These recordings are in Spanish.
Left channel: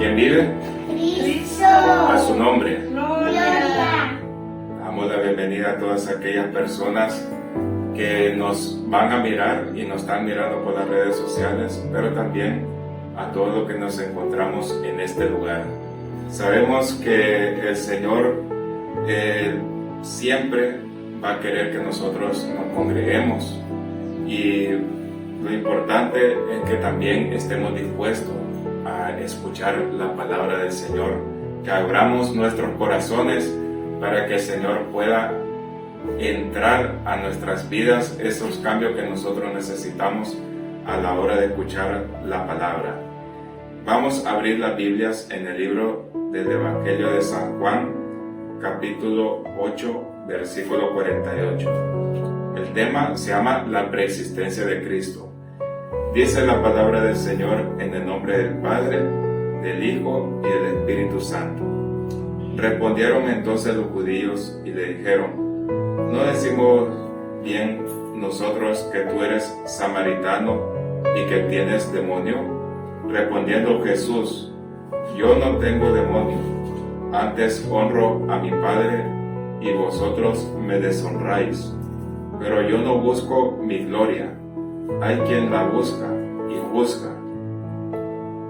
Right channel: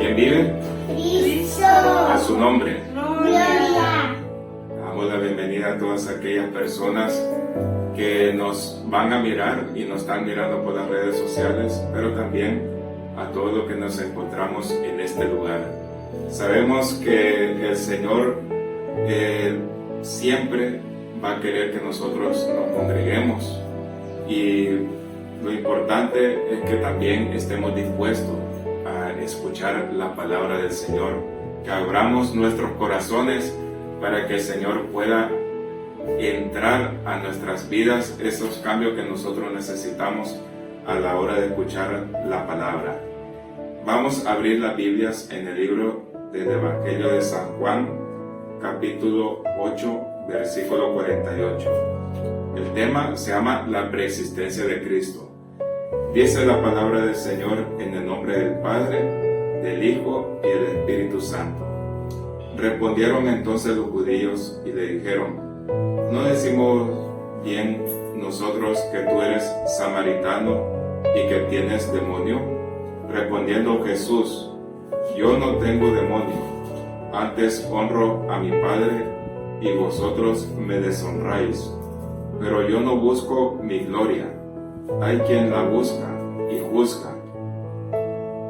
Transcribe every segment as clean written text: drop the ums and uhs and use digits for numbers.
¿Quién vive? Cristo. A su nombre. Gloria. Damos la bienvenida a todas aquellas personas que nos van a mirar y nos están mirando por las redes sociales, pero también a todos los que nos encontramos en este lugar. Sabemos que el Señor siempre va a querer que nosotros nos congreguemos, y lo importante es que también estemos dispuestos a escuchar la palabra del Señor, que abramos nuestros corazones para que el Señor pueda entrar a nuestras vidas esos cambios que nosotros necesitamos a la hora de escuchar la palabra. Vamos a abrir las Biblias en el libro del Evangelio de San Juan, capítulo 8, versículo 48. El tema se llama la preexistencia de Cristo. Dice la palabra del Señor en el nombre del Padre, del Hijo y del Espíritu Santo. Respondieron entonces los judíos y le dijeron: ¿no decimos bien nosotros que tú eres samaritano y que tienes demonio? Respondiendo Jesús: yo no tengo demonio, antes honro a mi Padre y vosotros me deshonráis. Pero yo no busco mi gloria, hay quien la busca y juzga.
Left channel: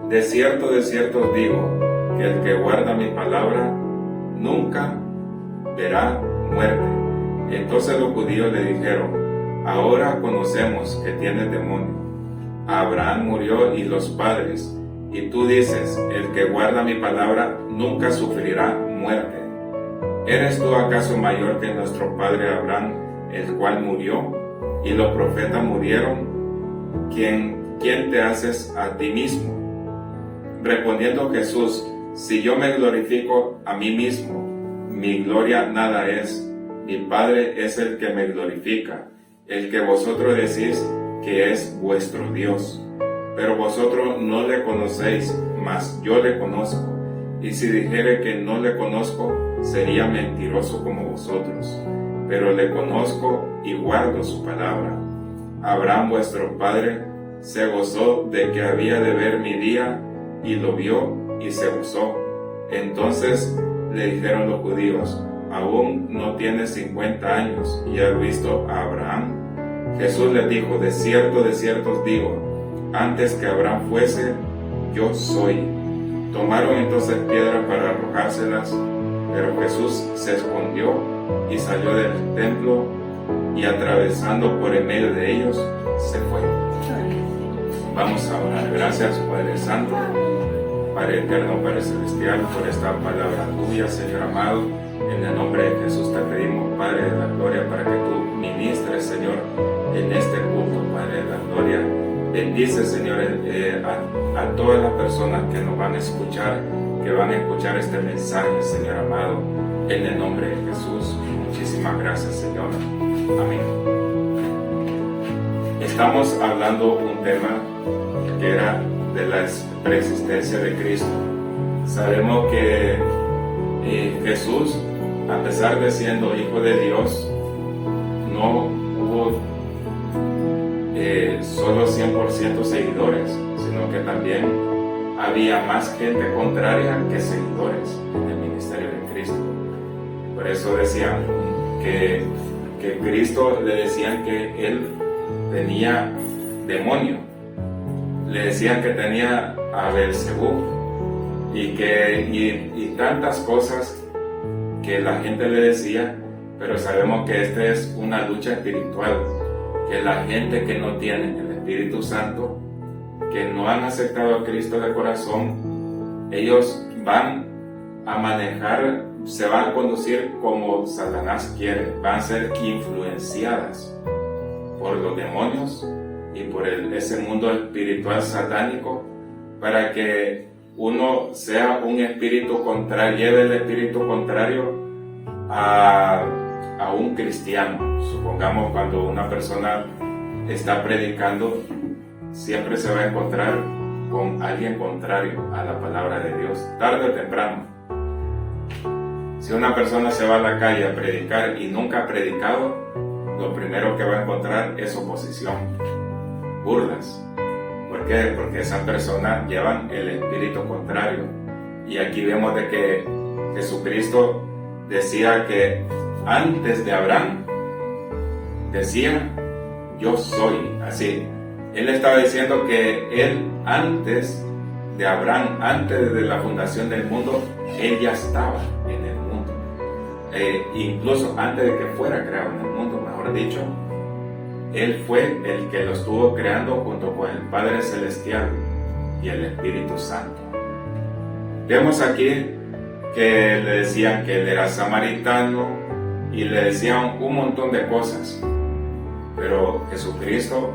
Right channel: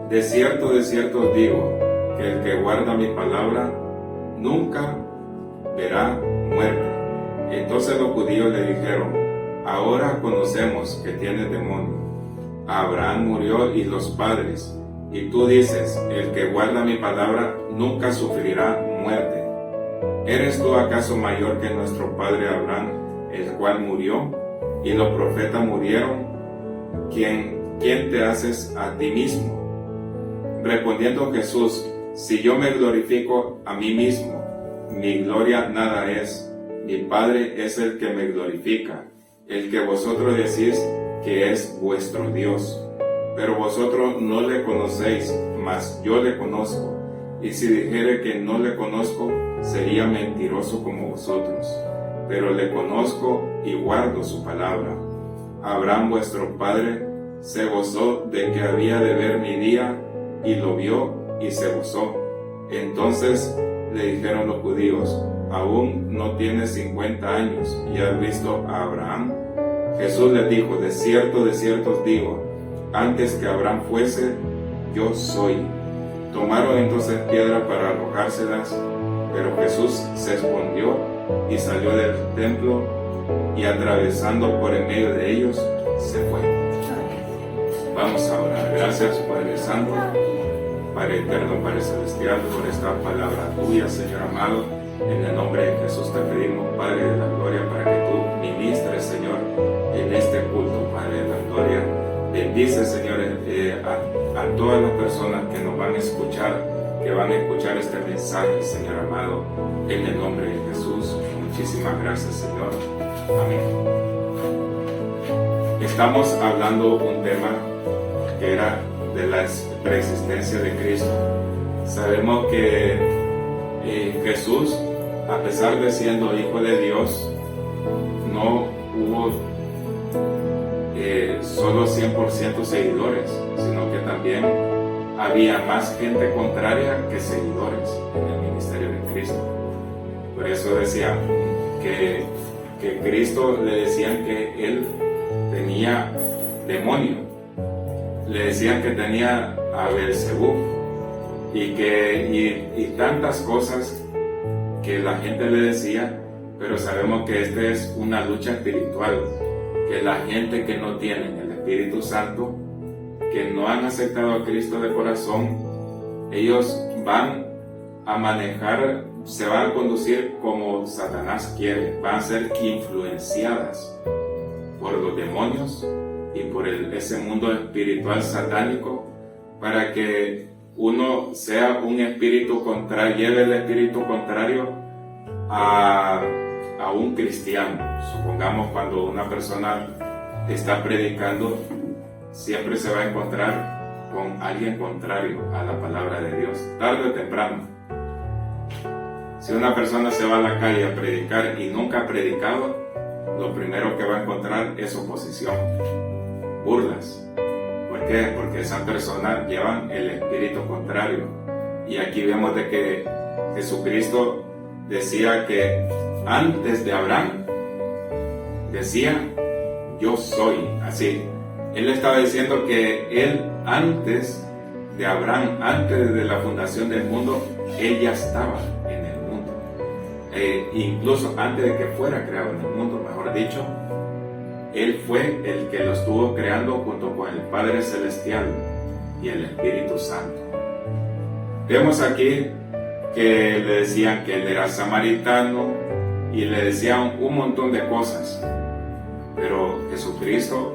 De cierto os digo, que el que guarda mi palabra nunca verá muerte. Entonces los judíos le dijeron: ahora conocemos que tienes demonio. Abraham murió y los padres, y tú dices: el que guarda mi palabra nunca sufrirá muerte. ¿Eres tú acaso mayor que nuestro padre Abraham, el cual murió, y los profetas murieron? ¿Quién te haces a ti mismo? Respondiendo Jesús: si yo me glorifico a mí mismo, mi gloria nada es. Mi Padre es el que me glorifica, el que vosotros decís que es vuestro Dios. Pero vosotros no le conocéis, mas yo le conozco. Y si dijere que no le conozco, sería mentiroso como vosotros. Pero le conozco y guardo su palabra. Abraham vuestro padre se gozó de que había de ver mi día, y lo vio y se gozó. Entonces le dijeron los judíos: aún no tienes 50 años y has visto a Abraham. Jesús les dijo: de cierto os digo, antes que Abraham fuese, yo soy. Tomaron entonces piedra para arrojárselas, pero Jesús se escondió y salió del templo, y atravesando por en medio de ellos, se fue. Vamos a orar. Gracias, Padre Santo, Padre Eterno, Padre Celestial, por esta palabra tuya, Señor amado. En el nombre de Jesús te pedimos, Padre de la gloria, para que tú ministres, Señor, en este culto, Padre de la gloria. Bendice, Señor, a todas las personas que nos van a escuchar, este mensaje, Señor amado, en el nombre de Jesús. Muchísimas gracias, Señor. Amén. Estamos hablando un tema que era de la preexistencia de Cristo. Sabemos que Jesús, a pesar de siendo Hijo de Dios, no hubo solo 100% seguidores, sino que también había más gente contraria que seguidores en el ministerio de Cristo. Por eso decían que Cristo, le decían que él tenía demonio, le decían que tenía a Belcebú y tantas cosas que la gente le decía. Pero sabemos que esta es una lucha espiritual, que la gente que no tiene el Espíritu Santo, que no han aceptado a Cristo de corazón, ellos van a manejar, se van a conducir como Satanás quiere, van a ser influenciadas por los demonios y por ese mundo espiritual satánico, para que uno sea un espíritu contrario, lleve el espíritu contrario a un cristiano. Supongamos, cuando una persona está predicando, siempre se va a encontrar con alguien contrario a la palabra de Dios, tarde o temprano. Si una persona se va a la calle a predicar y nunca ha predicado, lo primero que va a encontrar es oposición, burlas. Por ¿Por qué? Porque esas personas llevan el espíritu contrario. Y aquí vemos de que Jesucristo decía que antes de Abraham, decía, yo soy. Así, Él estaba diciendo que Él antes de Abraham, antes de la fundación del mundo, Él ya estaba en el mundo. Incluso antes de que fuera creado en el mundo, mejor dicho, Él fue el que lo estuvo creando junto con el Padre Celestial y el Espíritu Santo. Vemos aquí que le decían que Él era samaritano y le decían un montón de cosas. Pero Jesucristo,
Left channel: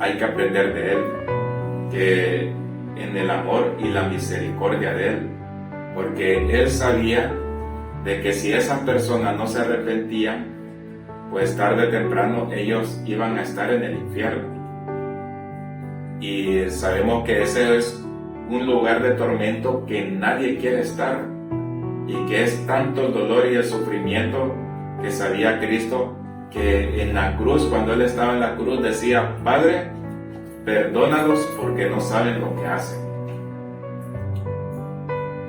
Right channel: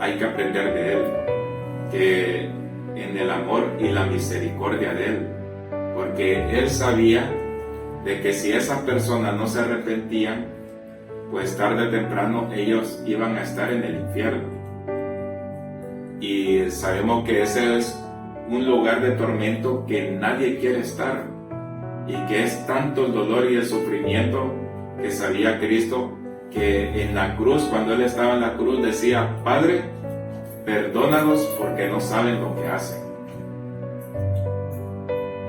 hay que aprender de Él, que en el amor y la misericordia de Él, porque Él sabía de que si esas personas no se arrepentían, pues tarde o temprano ellos iban a estar en el infierno. Y sabemos que ese es un lugar de tormento que nadie quiere estar, y que es tanto el dolor y el sufrimiento que sabía Cristo, que en la cruz, cuando Él estaba en la cruz, decía, Padre, perdónalos porque no saben lo que hacen.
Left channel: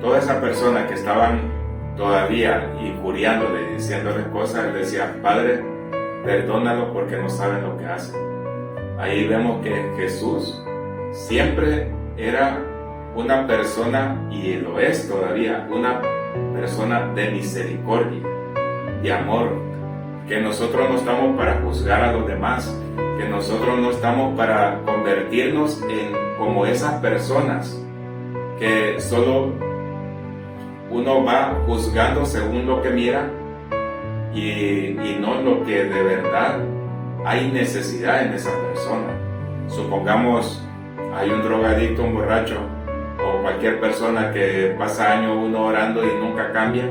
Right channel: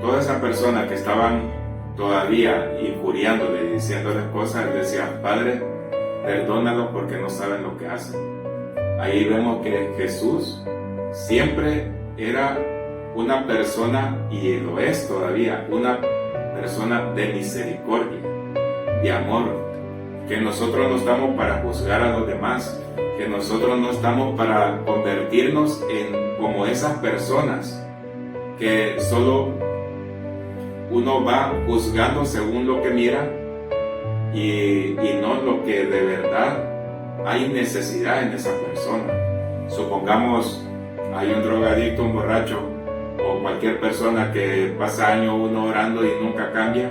Todas esas personas que estaban todavía injuriándole, diciéndole cosas, Él decía, Padre, perdónalos porque no saben lo que hacen. Ahí vemos que Jesús siempre era una persona, y lo es todavía, una persona de misericordia, de amor, que nosotros no estamos para juzgar a los demás, que nosotros no estamos para convertirnos en como esas personas que solo uno va juzgando según lo que mira y no lo que de verdad hay necesidad en esa persona. Supongamos hay un drogadicto, un borracho o cualquier persona que pasa años uno orando y nunca cambia,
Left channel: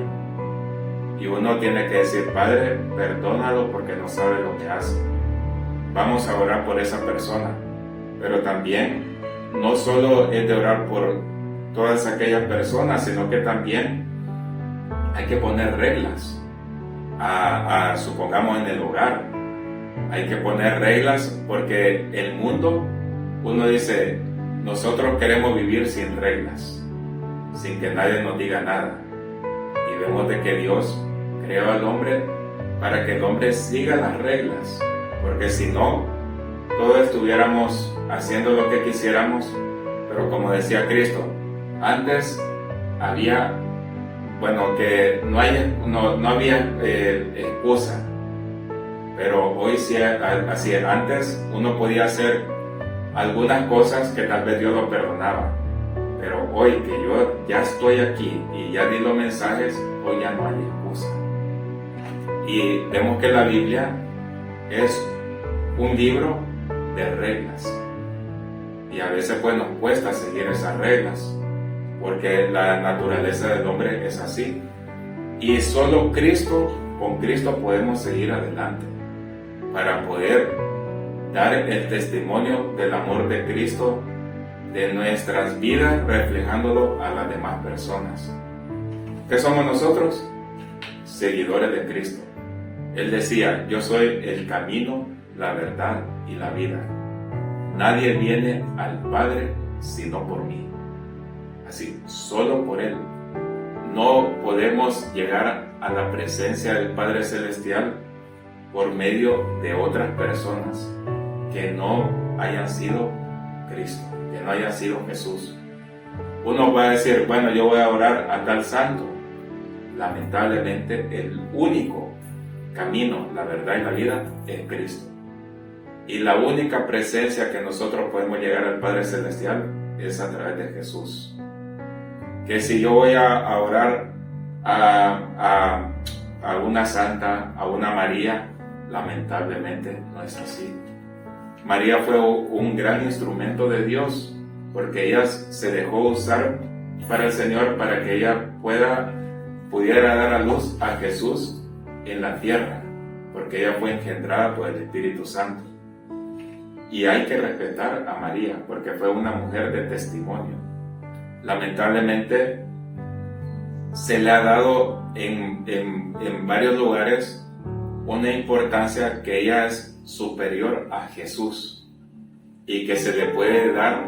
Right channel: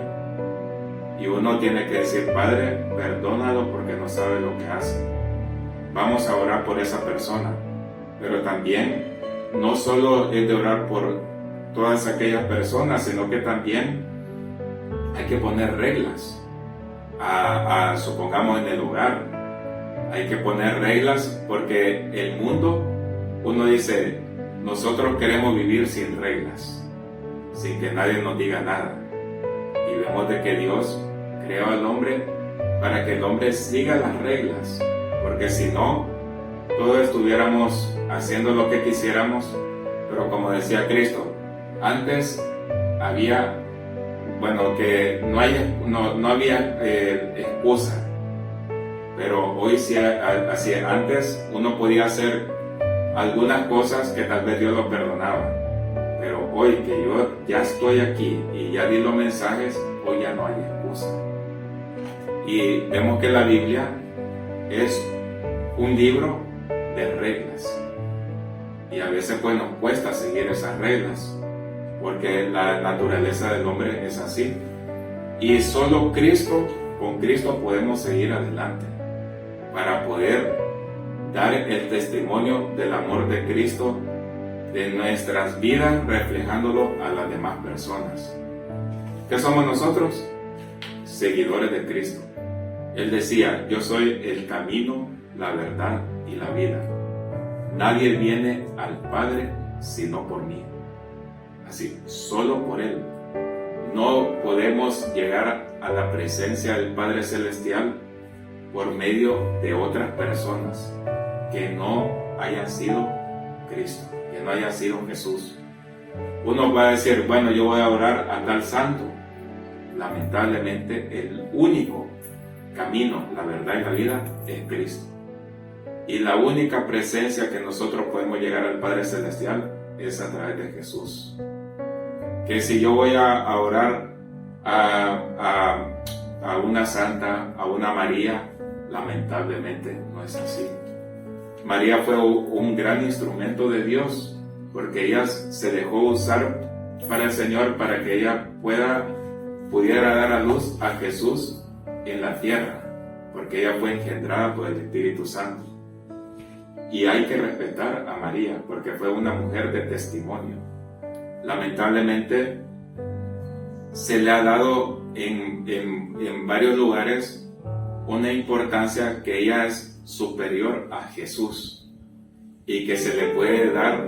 y uno tiene que decir, Padre, perdónalo porque no sabe lo que hace. Vamos a orar por esa persona, pero también no solo es de orar por todas aquellas personas, sino que también hay que poner reglas, supongamos en el hogar, hay que poner reglas, porque el mundo, uno dice, nosotros queremos vivir sin reglas, sin que nadie nos diga nada, y vemos de que Dios creó al hombre para que el hombre siga las reglas, porque si no, todos estuviéramos haciendo lo que quisiéramos. Pero como decía Cristo, antes había, que no había excusa, pero hoy sí, así antes uno podía hacer algunas cosas que tal vez Dios lo perdonaba, pero hoy que yo ya estoy aquí y ya di los mensajes, hoy ya no hay excusa. Y vemos que la Biblia es un libro de reglas, y a veces pues nos cuesta seguir esas reglas porque la naturaleza del hombre es así, y solo con Cristo podemos seguir adelante para poder dar el testimonio del amor de Cristo de nuestras vidas, reflejándolo a las demás personas. ¿Qué somos nosotros? Seguidores de Cristo. Él decía, yo soy el camino, la verdad y la vida. Nadie viene al Padre sino por mí. Así, solo por Él. No podemos llegar a la presencia del Padre Celestial por medio de otras personas que no hayan sido Cristo, que no haya sido Jesús. Uno va a decir, yo voy a orar a tal santo. Lamentablemente, el único camino, la verdad y la vida es Cristo. Y la única presencia que nosotros podemos llegar al Padre Celestial es a través de Jesús. Que si yo voy a orar a una santa, a una María, lamentablemente no es así. María fue un gran instrumento de Dios, porque ella se dejó usar para el Señor, para que ella pudiera dar a luz a Jesús en la tierra, porque ella fue engendrada por el Espíritu Santo. Y hay que respetar a María, porque fue una mujer de testimonio. Lamentablemente se le ha dado en varios lugares una importancia que ella es superior a Jesús. y que se le puede dar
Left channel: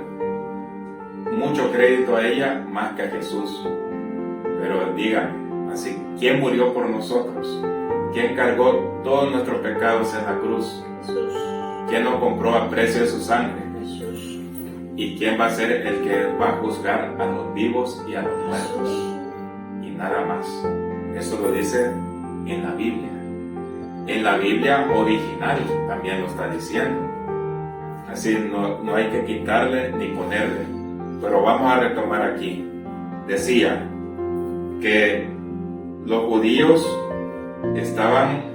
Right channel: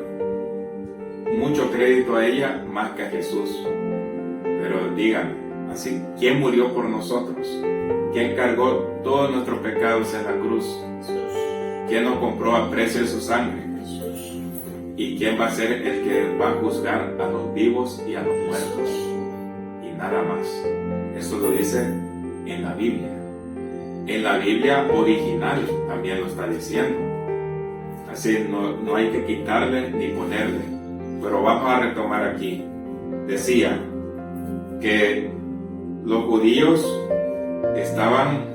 mucho crédito a ella más que a Jesús. Pero dígame, así, ¿quién murió por nosotros? ¿Quién cargó todos nuestros pecados en la cruz? ¿Quién nos compró a precio de su sangre? ¿Y quién va a ser el que va a juzgar a los vivos y a los muertos? Y nada más. Eso lo dice en la Biblia. En la Biblia original también lo está diciendo. Así no hay que quitarle ni ponerle. Pero vamos a retomar aquí. Decía que los judíos estaban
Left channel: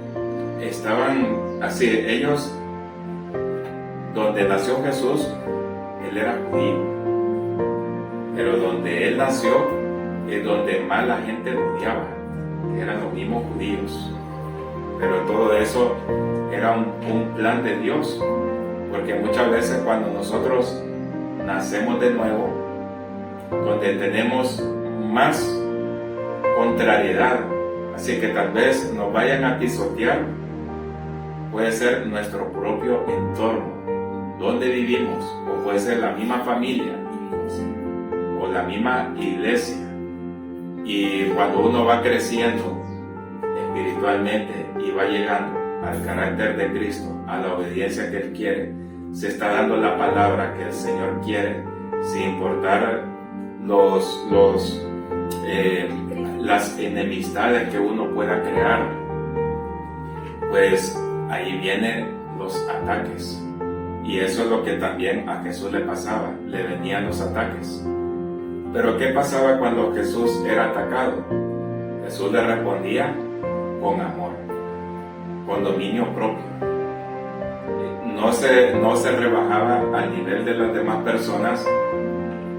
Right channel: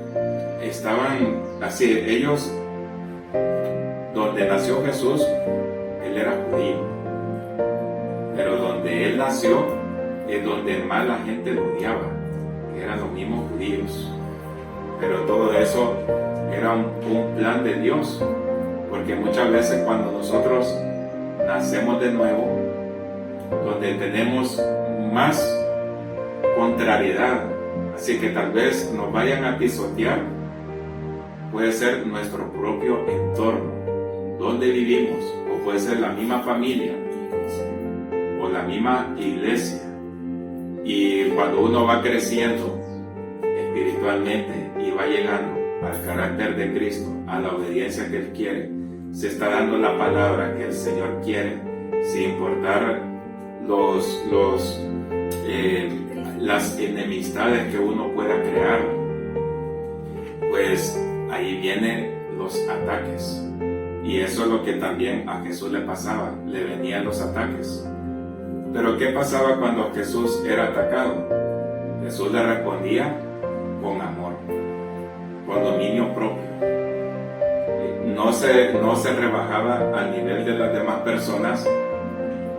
así, ellos, donde nació Jesús, él era judío, pero donde él nació es donde más la gente lo odiaba, que eran los mismos judíos. Pero todo eso era un plan de Dios, porque muchas veces cuando nosotros nacemos de nuevo, donde tenemos más contrariedad, así que tal vez nos vayan a pisotear, puede ser nuestro propio entorno, donde vivimos, o puede ser la misma familia, o la misma iglesia. Y cuando uno va creciendo espiritualmente y va llegando al carácter de Cristo, a la obediencia que Él quiere, se está dando la palabra que el Señor quiere, sin importar las enemistades que uno pueda crear, pues ahí vienen los ataques. Y eso es lo que también a Jesús le pasaba, le venían los ataques. Pero ¿qué pasaba cuando Jesús era atacado? Jesús le respondía con amor, con dominio propio. No se rebajaba al nivel de las demás personas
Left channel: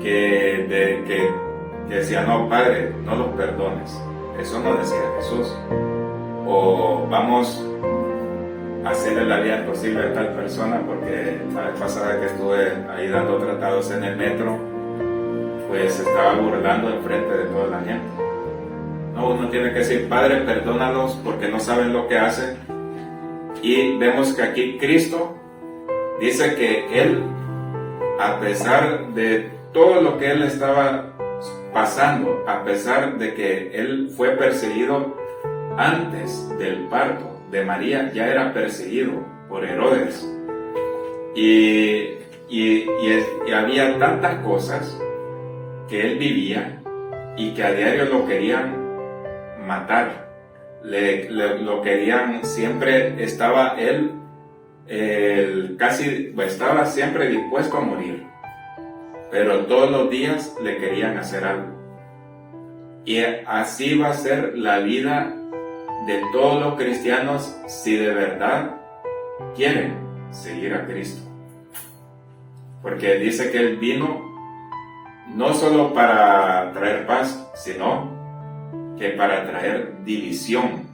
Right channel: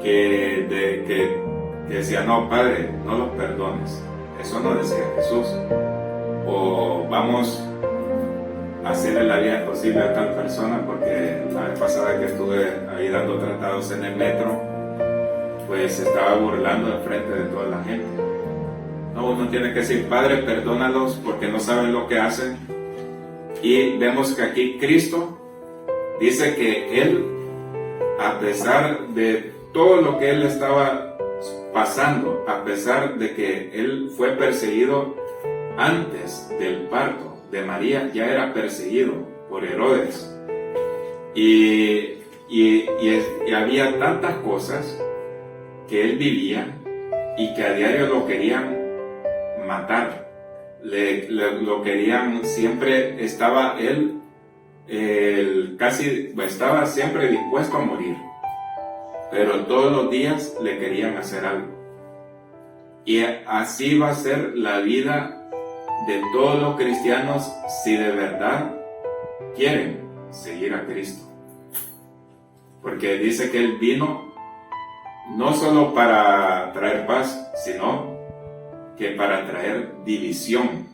que decían, no, Padre, no los perdones. Eso no decía Jesús. O vamos a hacerle la vida imposible a tal persona, porque la vez pasada que estuve ahí dando tratados en el metro, pues se estaba burlando enfrente de toda la gente. No, uno tiene que decir, Padre, perdónalos porque no saben lo que hacen. Y vemos que aquí Cristo dice que Él, a pesar de todo lo que Él estaba pasando, a pesar de que Él fue perseguido antes del parto de María, ya era perseguido por Herodes. Y había tantas cosas que Él vivía y que a diario lo querían matar, lo querían, siempre estaba él estaba siempre dispuesto a morir, pero todos los días le querían hacer algo. Y así va a ser la vida de todos los cristianos si de verdad quieren seguir a Cristo, porque dice que Él vino no solo para traer paz, sino que para traer división.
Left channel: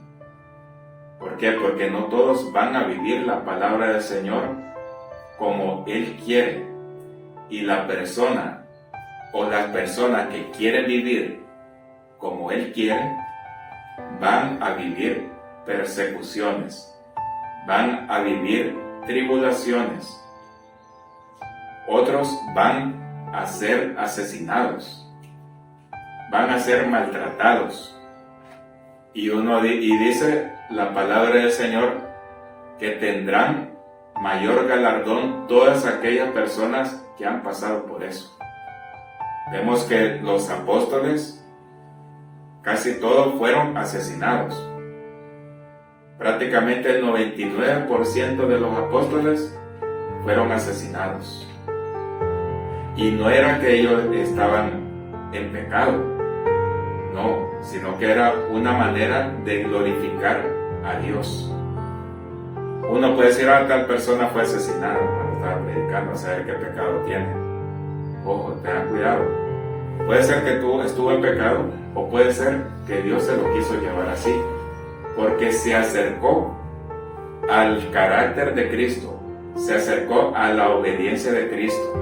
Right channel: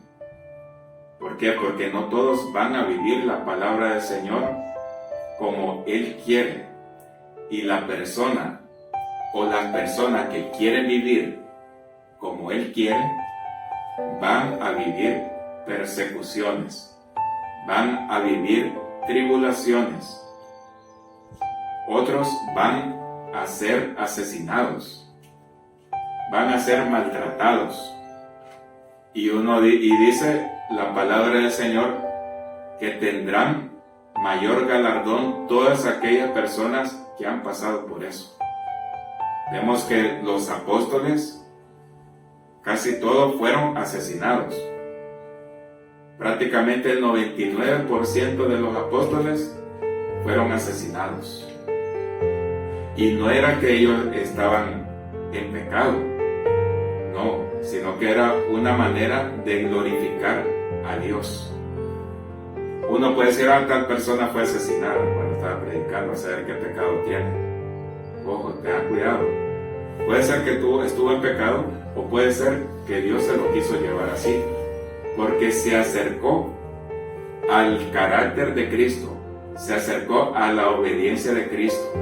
¿Por qué? Porque no todos van a vivir la palabra del Señor como Él quiere. Y la persona o las personas que quieren vivir como Él quiere, van a vivir persecuciones, van a vivir tribulaciones. Otros van a ser asesinados, van a ser maltratados. Y dice la palabra del Señor que tendrán mayor galardón todas aquellas personas que han pasado por eso. Vemos que los apóstoles, casi todos fueron asesinados. Prácticamente el 99% de los apóstoles fueron asesinados. Y no era que ellos estaban en pecado, no, sino que era una manera de glorificar a Dios. Uno puede decir, tal persona fue asesinada cuando estaba predicando, a saber qué pecado tiene. Ojo, tengan cuidado. Puede ser que tú estuvo en pecado, o puede ser que Dios se lo quiso llevar así, porque se acercó al carácter de Cristo, se acercó a la obediencia de Cristo.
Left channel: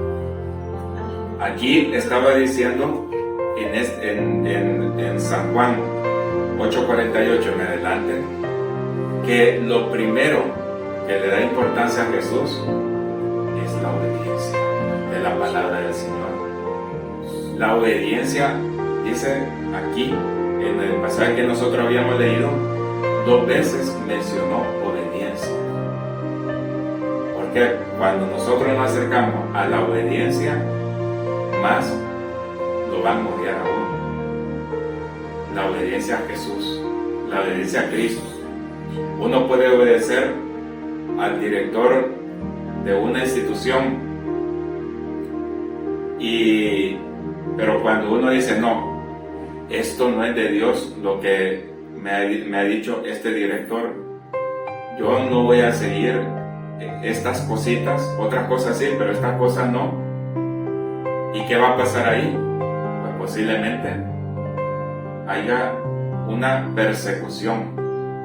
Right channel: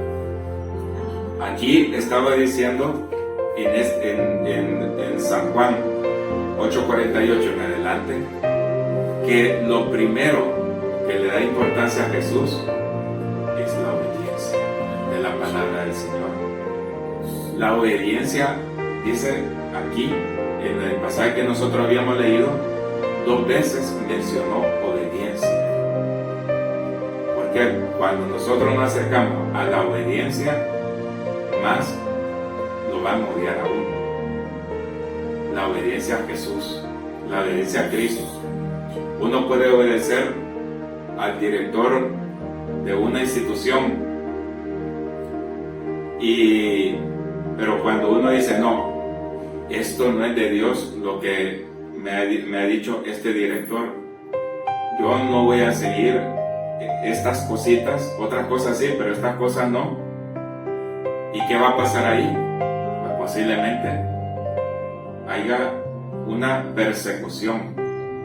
Aquí estaba diciendo en San Juan 8:48 en adelante, que lo primero que le da importancia a Jesús es la obediencia. de la palabra del Señor. La obediencia, dice aquí, en el pasaje que nosotros habíamos leído, 2 veces mencionó obediencia. Porque cuando nosotros nos acercamos a la obediencia, más lo van a odiar a uno. La obediencia a Jesús, la obediencia a Cristo. Uno puede obedecer al director de una institución, pero cuando uno dice no, esto no es de Dios lo que me ha dicho este director, yo no voy a seguir estas cositas, otras cosas sí, pero estas cosas no. ¿Y qué va a pasar ahí? Pues posiblemente haya una persecución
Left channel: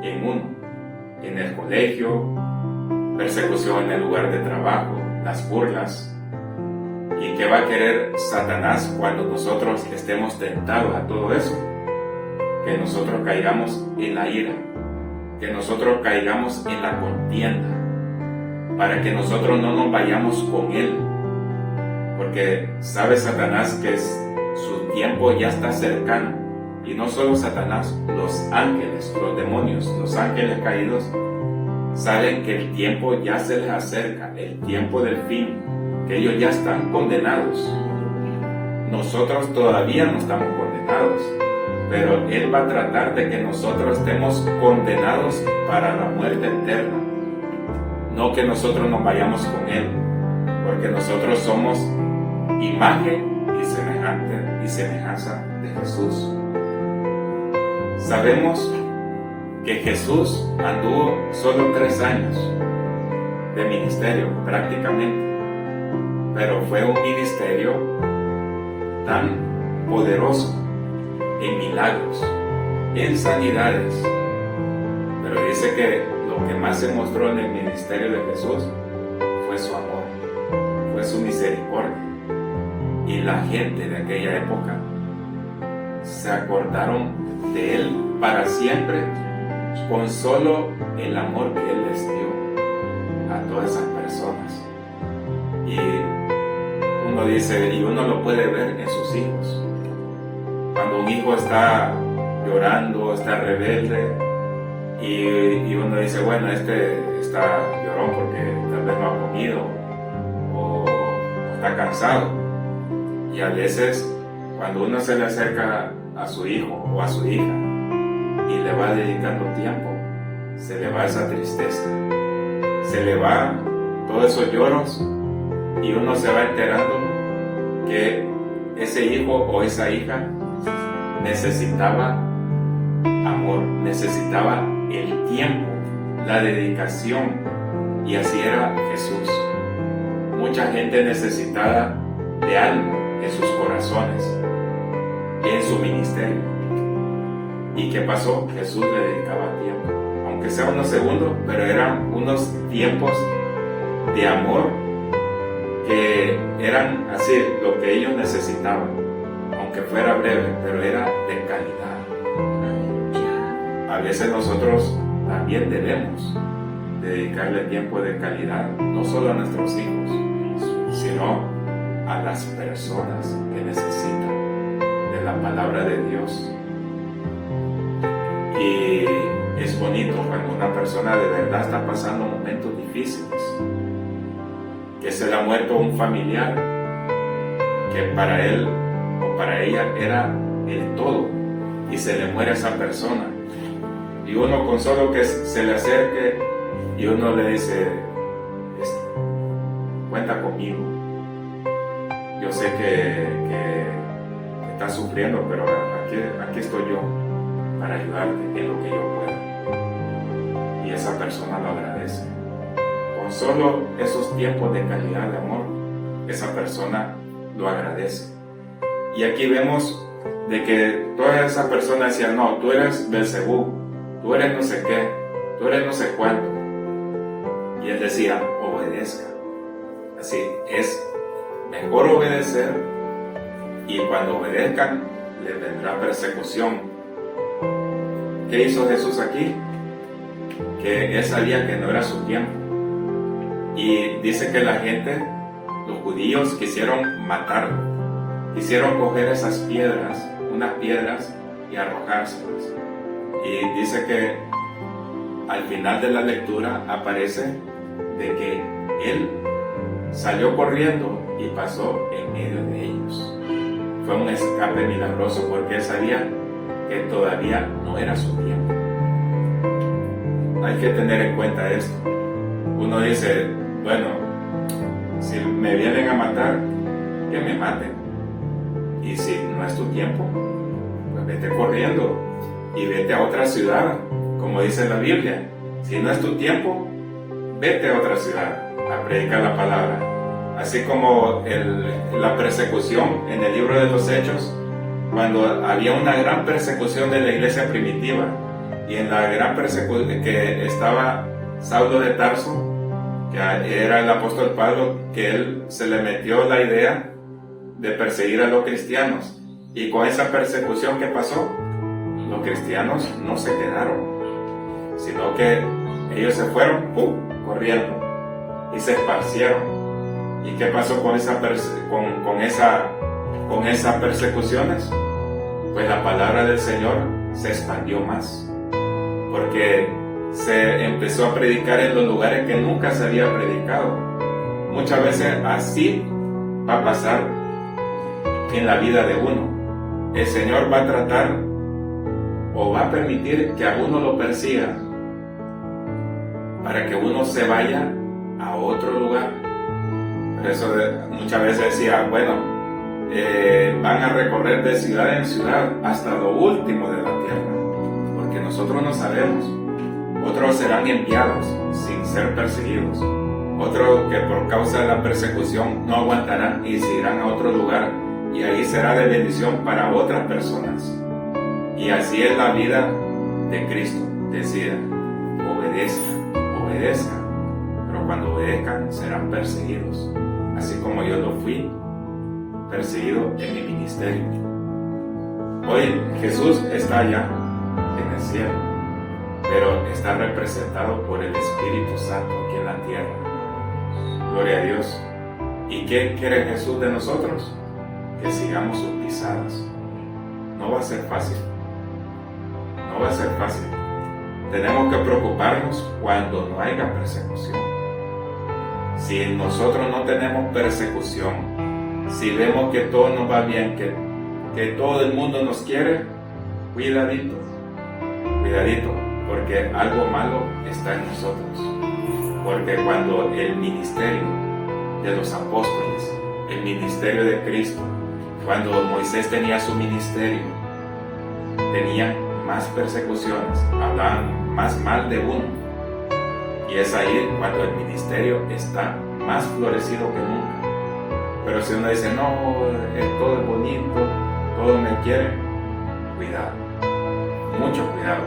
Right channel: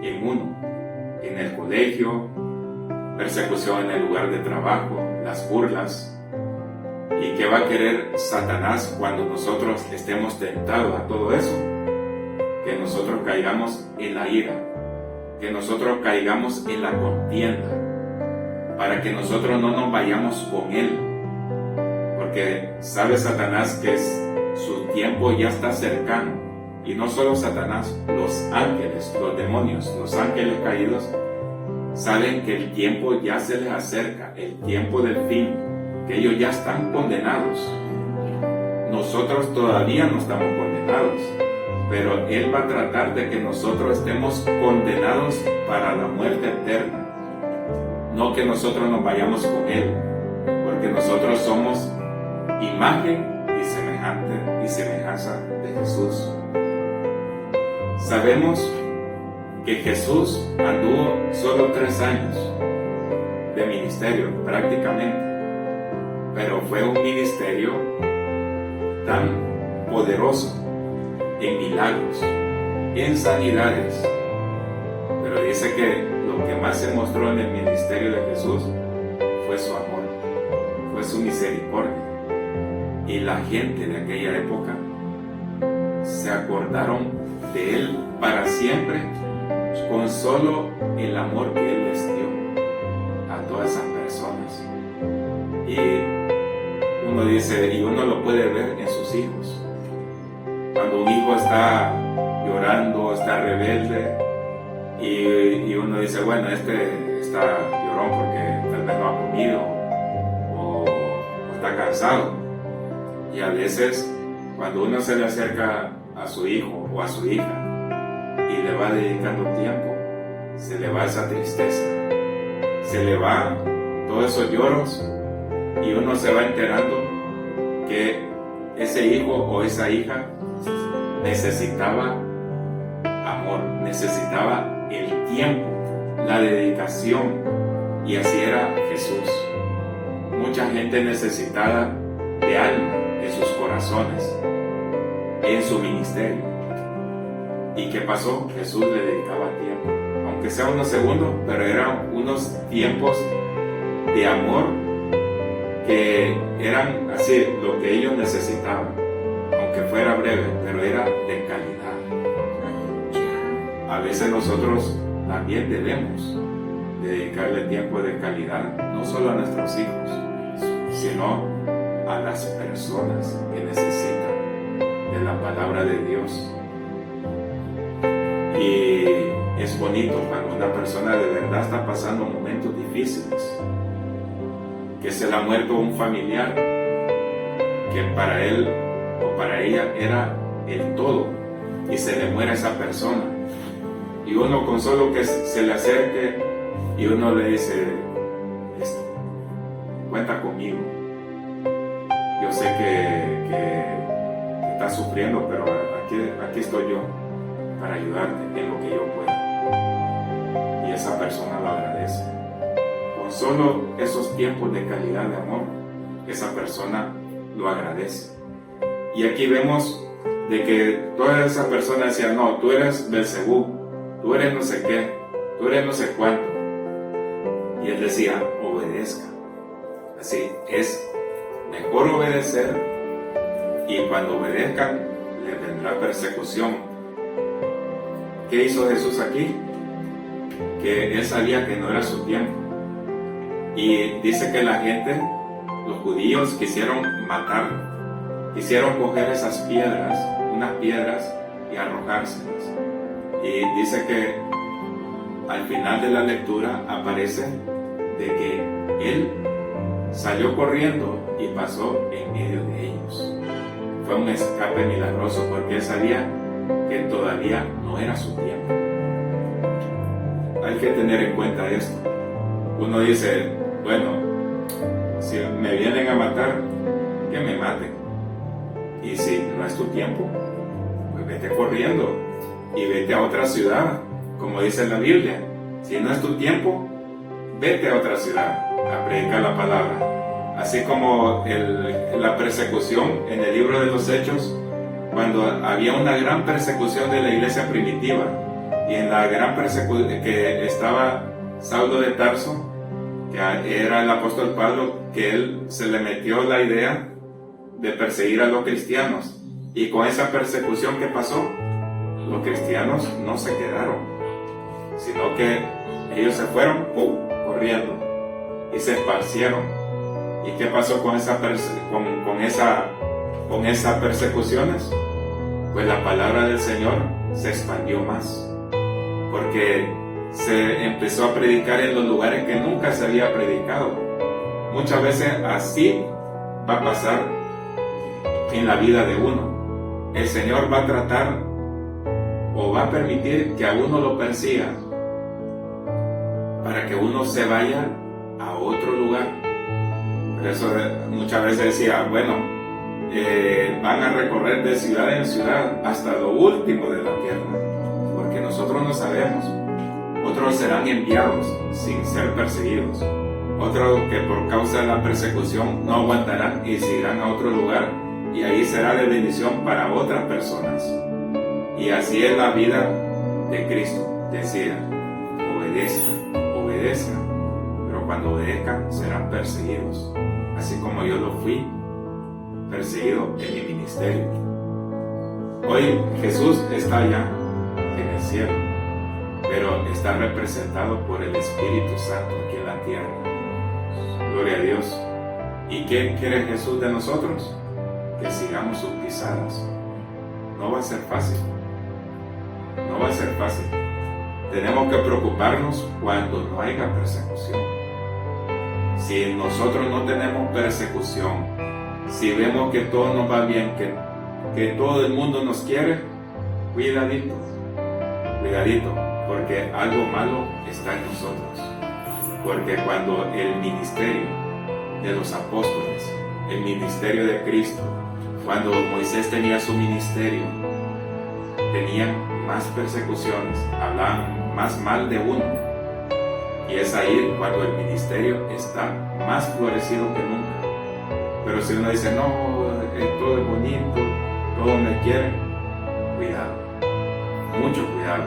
en uno, en el colegio, persecución en el lugar de trabajo, las burlas. ¿Y qué va a querer Satanás cuando nosotros estemos tentados a todo eso? Que nosotros caigamos en la ira, que nosotros caigamos en la contienda, para que nosotros no nos vayamos con él. Porque sabe Satanás que su tiempo ya está cercano. Y no solo Satanás, los ángeles, los demonios, los ángeles caídos, saben que el tiempo ya se les acerca, el tiempo del fin, que ellos ya están condenados. Nosotros todavía no estamos condenados, pero Él va a tratar de que nosotros estemos condenados para la muerte eterna. No que nosotros nos vayamos con Él, porque nosotros somos imagen y semejanza de Jesús. Sabemos que Jesús anduvo solo 3 años de ministerio prácticamente, pero fue un ministerio tan poderoso en milagros, en sanidades. Pero dice que lo que más se mostró en el ministerio de Jesús fue su amor, fue su misericordia. Y la gente de aquella época se acordaron de Él para siempre con solo el amor que Él les dio a todas esas personas. Y uno dice, y uno lo puede ver en sus hijos. Cuando un hijo está llorando, está rebelde, y uno dice, bueno, este está llorón porque tal vez no ha comido o está cansado. Y a veces cuando uno se le acerca a su hijo o a su hija y le va dedicando tiempo, se le va esa tristeza, se le va todos esos lloros, y uno se va enterando que ese hijo o esa hija necesitaba amor, necesitaba el tiempo, la dedicación, y así era Jesús. Mucha gente necesitada de alma en sus corazones, en su ministerio. ¿Y qué pasó? Jesús le dedicaba tiempo, aunque sea unos segundos, pero eran unos tiempos de amor que eran así lo que ellos necesitaban, aunque fuera breve, pero era de calidad. A veces nosotros también debemos dedicarle tiempo de calidad, no solo a nuestros hijos, sino a las personas que necesitan de la palabra de Dios. Y es bonito cuando una persona de verdad está pasando momentos difíciles, que se le ha muerto un familiar que para él o para ella era el todo, y se le muere a esa persona, y uno con solo que se le acerque y uno le dice, cuenta conmigo, yo sé que estás sufriendo, pero aquí estoy yo para ayudarte en lo que yo pueda. Y esa persona lo agradece. Con solo esos tiempos de calidad de amor, esa persona lo agradece. Y aquí vemos de que toda esa persona decía, no, tú eres Belzebú, tú eres no sé qué, tú eres no sé cuánto. Y él decía, obedezca. Así es mejor obedecer, y cuando obedezcan les vendrá persecución. ¿Qué hizo Jesús aquí? Que él sabía que no era su tiempo, y dice que la gente los judíos quisieron matarlo, quisieron coger esas piedras, unas piedras, y arrojárselas. Y dice que al final de la lectura aparece de que él salió corriendo y pasó en medio de ellos. Fue un escape milagroso porque él sabía que todavía no era su tiempo. Hay que tener en cuenta esto. Uno dice, bueno, si me vienen a matar, que me maten. Y si no es tu tiempo, pues vete corriendo y vete a otra ciudad, como dice la Biblia. Si no es tu tiempo, vete a otra ciudad a predicar la palabra. Así como la persecución en el libro de los Hechos, cuando había una gran persecución de la iglesia primitiva, y en la gran persecución que estaba Saulo de Tarso, que era el apóstol Pablo, que él se le metió la idea de perseguir a los cristianos, y con esa persecución que pasó, los cristianos no se quedaron, sino que ellos se fueron corriendo y se esparcieron. ¿Y qué pasó con esas persecuciones? Pues la palabra del Señor se expandió más, porque se empezó a predicar en los lugares que nunca se había predicado. Muchas veces así va a pasar en la vida de uno. El Señor va a tratar o va a permitir que a uno lo persiga para que uno se vaya a otro lugar. Por eso muchas veces decía, bueno, van a recorrer de ciudad en ciudad hasta lo último de la tierra, porque nosotros no sabemos. Otros serán enviados sin ser perseguidos, otros que por causa de la persecución no aguantarán y se irán a otro lugar, y ahí será de bendición para otras personas. Y así es la vida de Cristo. Decía, obedezcan, pero cuando obedezcan serán perseguidos, así como yo lo fui perseguido en mi ministerio. Hoy Jesús está allá en el cielo, pero está representado por el Espíritu Santo aquí en la tierra. Gloria a Dios. ¿Y qué quiere Jesús de nosotros? Que sigamos sus pisadas. No va a ser fácil. No va a ser fácil. Tenemos que preocuparnos cuando no haya persecución. Si nosotros no tenemos persecución, si vemos que todo nos va bien, que todo el mundo nos quiere, cuidadito, porque algo malo está en nosotros. Porque cuando el ministerio de los apóstoles, el ministerio de Cristo, cuando Moisés tenía su ministerio, tenían más persecuciones, hablaban más mal de uno. Y es ahí cuando el ministerio está más florecido que nunca. Pero si uno dice, no, todo es bonito, todo me quiere, cuidado, mucho cuidado.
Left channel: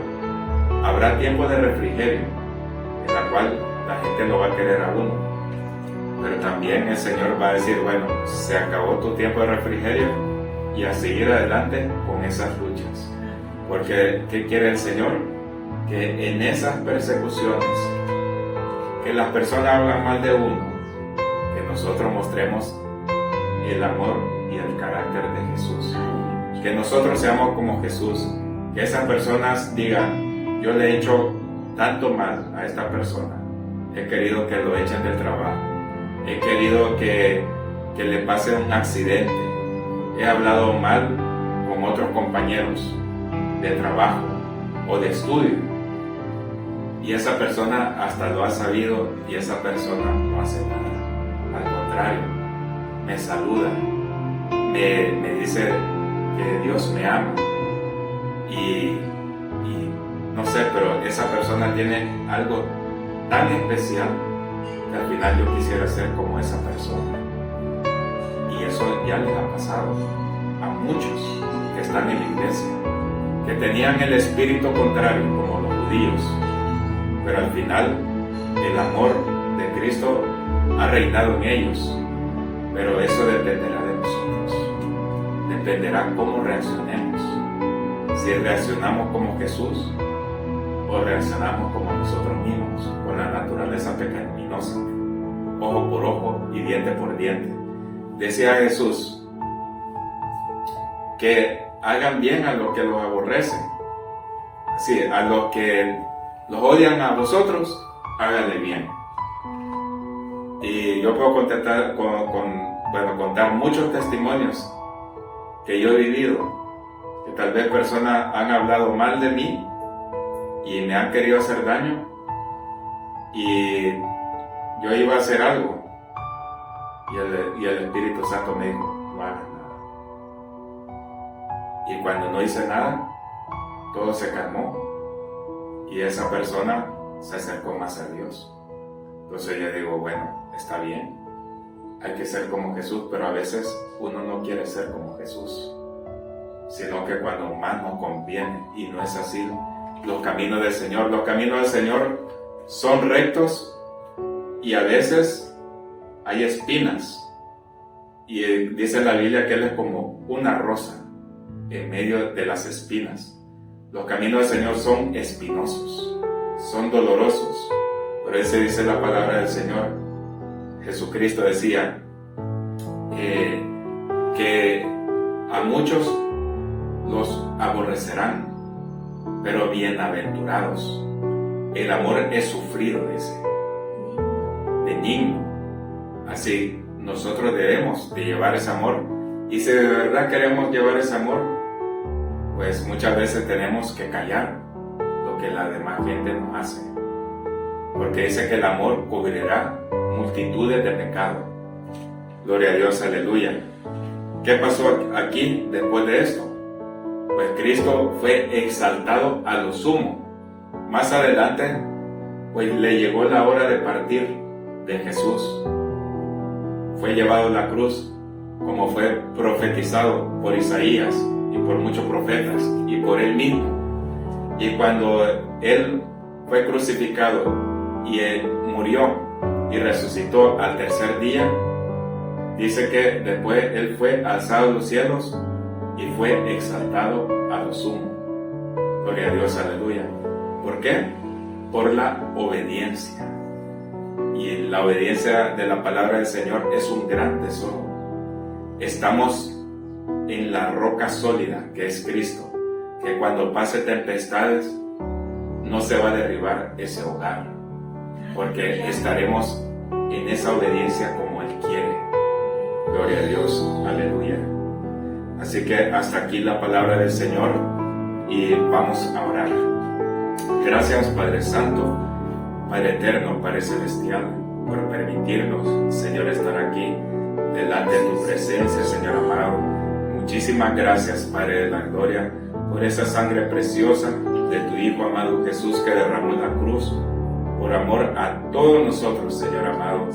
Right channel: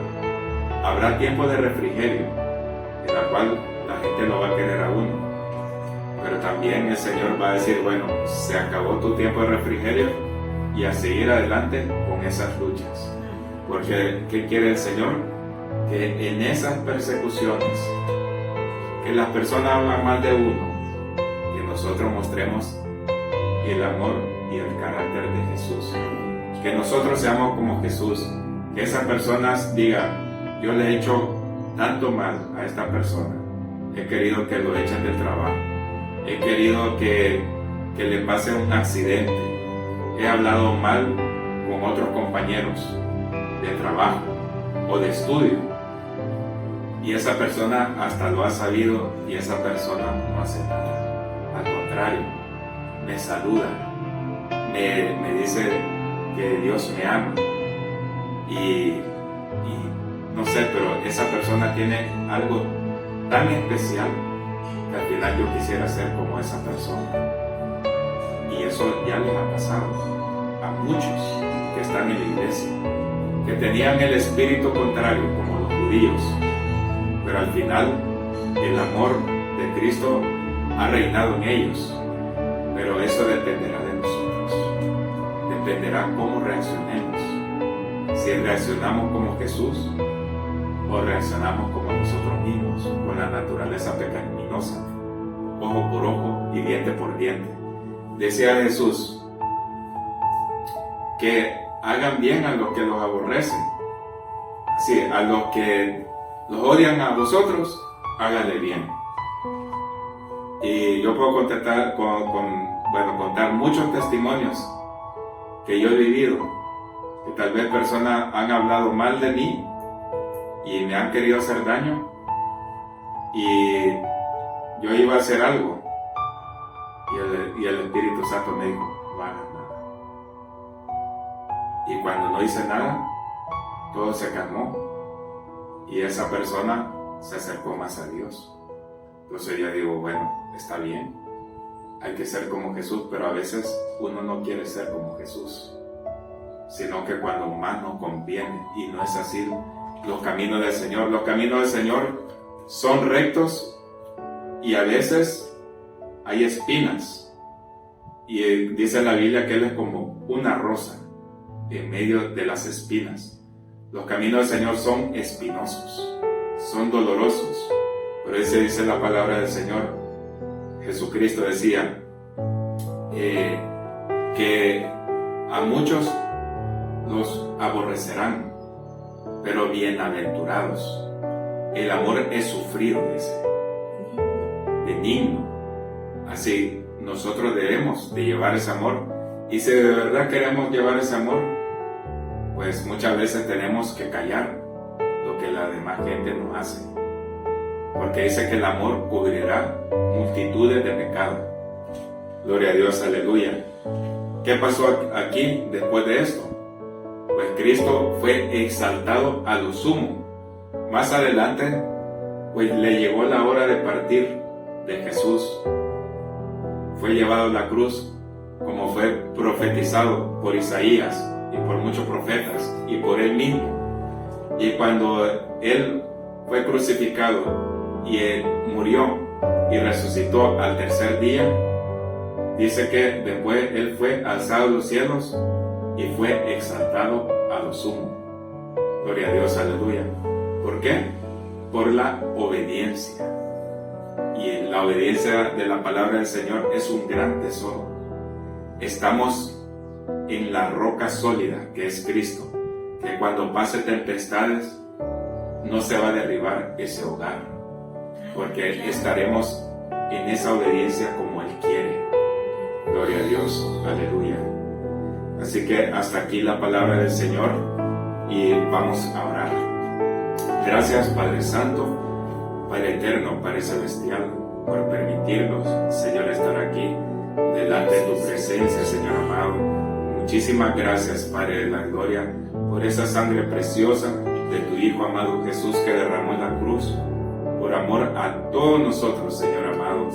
Habrá tiempo de refrigerio, en la cual la gente lo va a querer a uno. Pero también el Señor va a decir, bueno, se acabó tu tiempo de refrigerio, y a seguir adelante con esas luchas. Porque, ¿qué quiere el Señor? Que en esas persecuciones, que las personas hablan mal de uno, que nosotros mostremos el amor y el carácter de Jesús. Que nosotros seamos como Jesús. Que esas personas digan, yo le he hecho tanto mal a esta persona. He querido que lo echen del trabajo. He querido que le pase un accidente. He hablado mal con otros compañeros de trabajo o de estudio. Y esa persona hasta lo ha sabido y esa persona no hace nada. Al contrario, me saluda, me dice que Dios me ama. Y no sé, pero esa persona tiene algo tan especial que al final yo quisiera ser como esa persona. Y eso ya les ha pasado a muchos que están en la iglesia, que tenían el espíritu contrario como los judíos, pero al final el amor de Cristo ha reinado en ellos. Pero eso dependerá de nosotros, dependerá cómo reaccionemos, si reaccionamos como Jesús o reaccionamos como nosotros mismos, con la naturaleza pecaminosa. ojo por ojo y diente por diente. Decía Jesús que hagan bien a los que los aborrecen. Sí, a los que los odian a vosotros, háganle bien. Y yo puedo contar muchos testimonios que yo he vivido, que tal vez personas han hablado mal de mí y me han querido hacer daño, y yo iba a hacer algo y el Espíritu Santo me dijo, no hagas nada. Y cuando no hice nada, todo se calmó y esa persona se acercó más a Dios. Entonces yo digo, bueno, está bien, hay que ser como Jesús, pero a veces uno no quiere ser como Jesús, sino que cuando más nos conviene, y no es así los caminos del Señor. Los caminos del Señor son rectos y a veces hay espinas, y dice la Biblia que Él es como una rosa en medio de las espinas. Los caminos del Señor son espinosos, son dolorosos, pero ese dice la palabra del Señor. Jesucristo decía que a muchos los aborrecerán, pero bienaventurados. El amor es sufrido, dice, benigno. Así nosotros debemos de llevar ese amor, y si de verdad queremos llevar ese amor, pues muchas veces tenemos que callar lo que la demás gente nos hace, porque dice que el amor cubrirá multitudes de pecados. Gloria a Dios, aleluya. ¿Qué pasó aquí después de esto? Pues Cristo fue exaltado a lo sumo. Más adelante, pues le llegó la hora de partir de Jesús. Fue llevado a la cruz, como fue profetizado por Isaías y por muchos profetas y por él mismo. Y cuando él fue crucificado y él murió y resucitó al tercer día, dice que después él fue alzado a los cielos y fue exaltado a lo sumo. Gloria a Dios, aleluya. ¿Por qué? Por la obediencia. Y la obediencia de la palabra del Señor es un gran tesoro. Estamos en la roca sólida que es Cristo, que cuando pase tempestades no se va a derribar ese hogar, porque estaremos en esa obediencia como Él quiere. Gloria a Dios, aleluya. Así que hasta aquí la palabra del Señor y vamos a orar. Gracias, Padre Santo, Padre Eterno, Padre Celestial, por permitirnos, Señor, estar aquí delante de tu presencia, Señor amado. Muchísimas gracias, Padre de la gloria, por esa sangre preciosa de tu Hijo amado Jesús que derramó en la cruz, por amor a todos nosotros, Señor amado.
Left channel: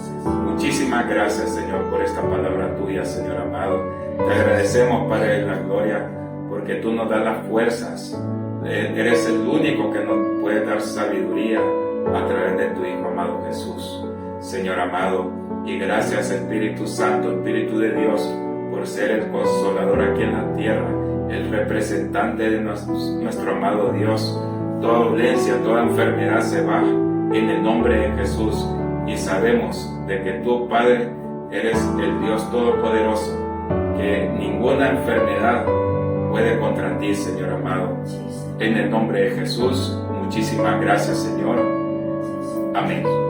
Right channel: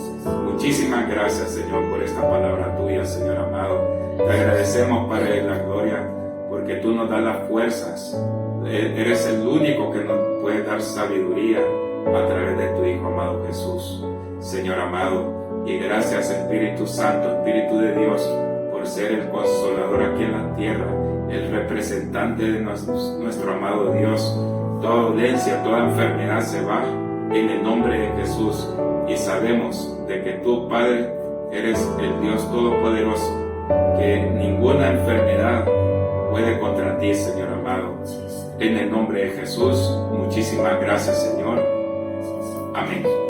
Muchísimas gracias, Señor, por esta palabra tuya, Señor amado. Te agradecemos, Padre de la gloria, porque tú nos das las fuerzas. Eres el único que nos puede dar sabiduría a través de tu Hijo amado Jesús, Señor amado. Y gracias, Espíritu Santo, Espíritu de Dios, por ser el consolador aquí en la tierra, el representante de nuestro amado Dios. Toda dolencia, toda enfermedad se va en el nombre de Jesús, y sabemos de que tú, Padre, eres el Dios Todopoderoso, que ninguna enfermedad puede contra ti, Señor amado. En el nombre de Jesús, muchísimas gracias, Señor. Amén.